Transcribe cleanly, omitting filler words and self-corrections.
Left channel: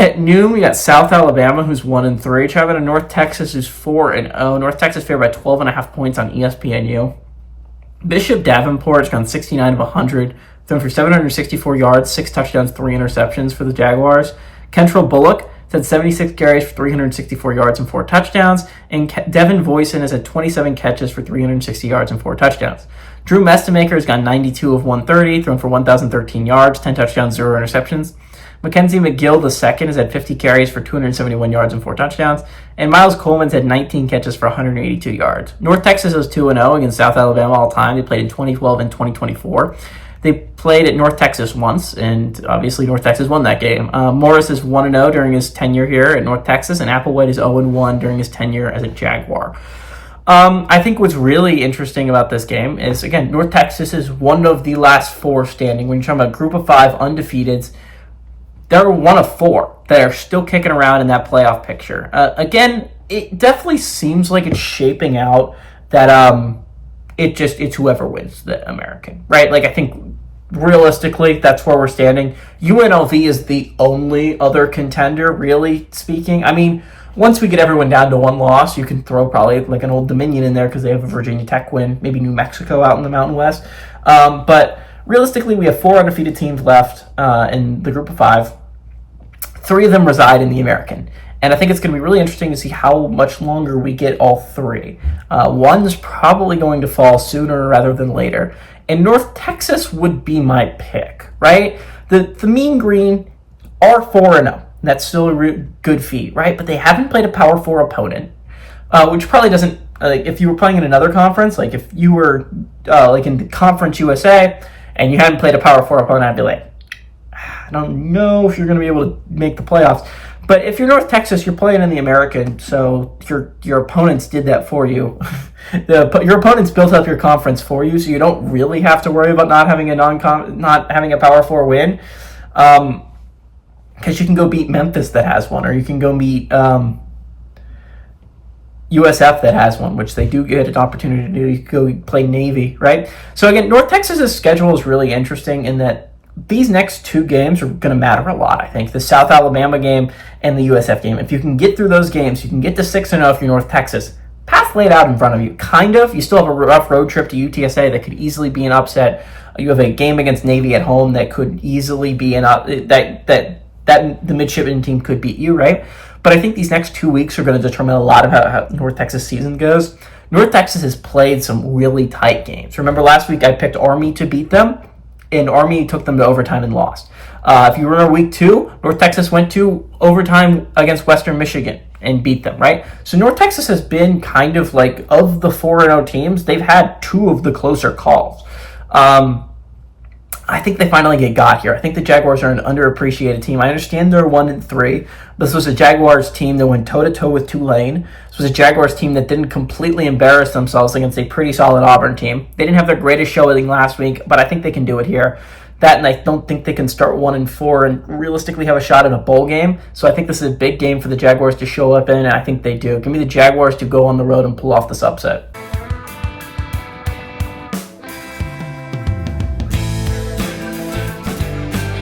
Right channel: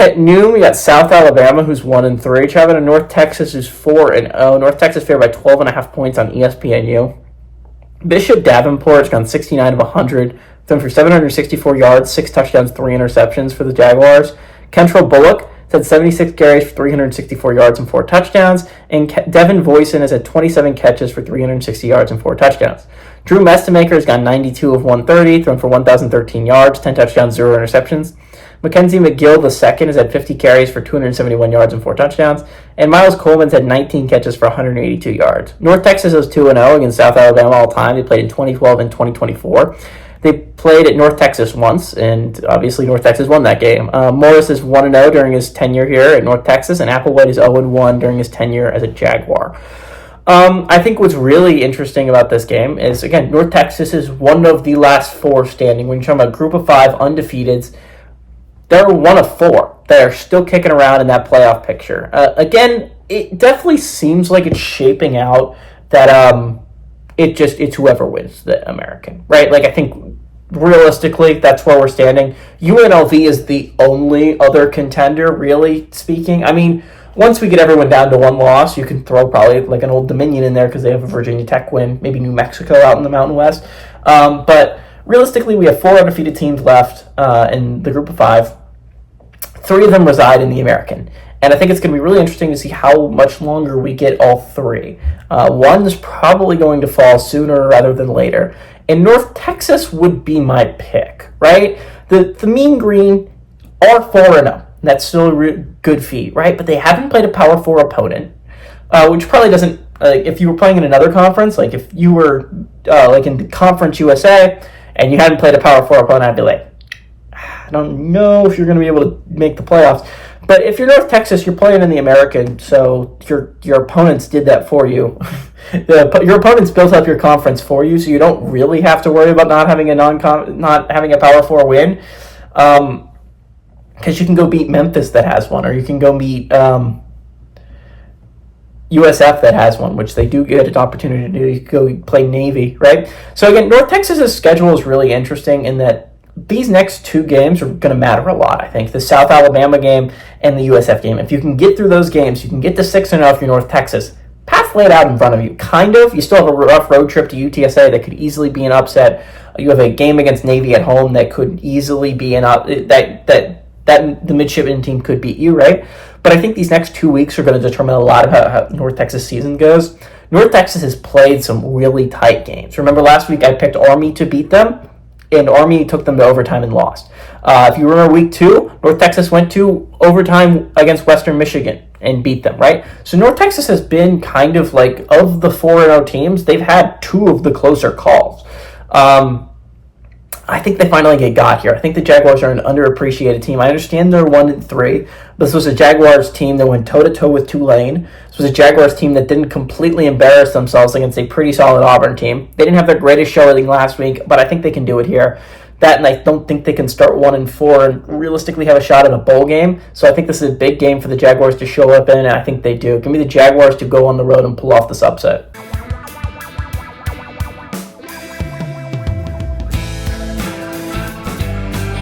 At noon, we got South Alabama, who's 1-3, traveling to North Texas, who's 4-0. North Texas favored by 12.5 points on ESPNU. Bishop Davenport's gone 69 of 100, thrown for 764 yards, 6 touchdowns, 3 interceptions for the Jaguars. Kentrell Bullock had 76 carries for 364 yards and 4 touchdowns, and Devin Voisin has had 27 catches for 360 yards and 4 touchdowns. Drew Mestemaker's got 92 of 130, thrown for 1,013 yards, 10 touchdowns, 0 interceptions. Mackenzie McGill II has had 50 carries for 271 yards and 4 touchdowns, and Miles Coleman's had 19 catches for 182 yards. North Texas is 2-0 against South Alabama all time. They played in 2012 and 2024. They played at North Texas once, and obviously North Texas won that game. Morris is 1-0 during his tenure here at North Texas, and Applewhite is 0-1 during his tenure as a Jaguar. I think what's really interesting about this game is, again, North Texas is one of the last 4 standing. When you're talking about group of 5 undefeateds, they're one of 4 that are still kicking around in that playoff picture. Again, it definitely seems like it's shaping out that it's whoever wins the American, right? Like, I think realistically, that's where we're standing. UNLV is the only other contender, really speaking. I mean, once we get everyone down to 1 loss, you can throw probably like an Old Dominion in there because they have a Virginia Tech win, maybe New Mexico out in the Mountain West. But realistically, we have 4 undefeated teams left in the group of 5. 3 of them reside in the American. And I think it's going to be really interesting to see how much longer we get all 3. One is probably going to fall sooner rather than later. And North Texas would be my pick, right? The Mean Green are 4-0. That's still a good feat, right? But they haven't played a Power 4 opponent, which probably doesn't, if you were playing in another conference, like if you were like in the Conference USA and you hadn't played a Power 4 opponent, I'd be like, I don't know if you're going to be able to make the playoffs. But if you're North Texas, you're playing in the American, so your opponents did that for you. Your opponents built up your conference for you, so you don't really have to worry about not having a Power 4 win. Because you can go beat Memphis that has one, or you can go meet USF that has one, which they do get an opportunity to do. You can go play Navy, right? So again, North Texas's schedule is really interesting in that these next 2 games are going to matter a lot, I think. The South Alabama game and the USF game. If you can get through those games, you can get to 6-0 if you're North Texas. Path laid out in front of you, kind of. You still have a rough road trip to UTSA that could easily be an upset. You have a game against Navy at home that could easily be that the midshipman team could beat you, right? But I think these next 2 weeks are going to determine a lot of how North Texas season goes. North Texas has played some really tight games. Remember last week I picked Army to beat them, and Army took them to overtime and lost. If you remember week 2, North Texas went to overtime against Western Michigan and beat them, right? So North Texas has been kind of like, of the 4-0 teams, they've had 2 of the closer calls. I think they finally got here. I think the Jaguars are an underappreciated team. I understand they're 1-3. This was a Jaguars team that went toe-to-toe with Tulane. This was a Jaguars team that didn't completely embarrass themselves against a pretty solid Auburn team. They didn't have their greatest showing last week, but I think they can do it here. That, and I don't think they can start 1-4 and realistically have a shot at a bowl game. So I think this is a big game for the Jaguars to show up in, and I think they do. Give me the Jaguars to go on the road and pull off this upset.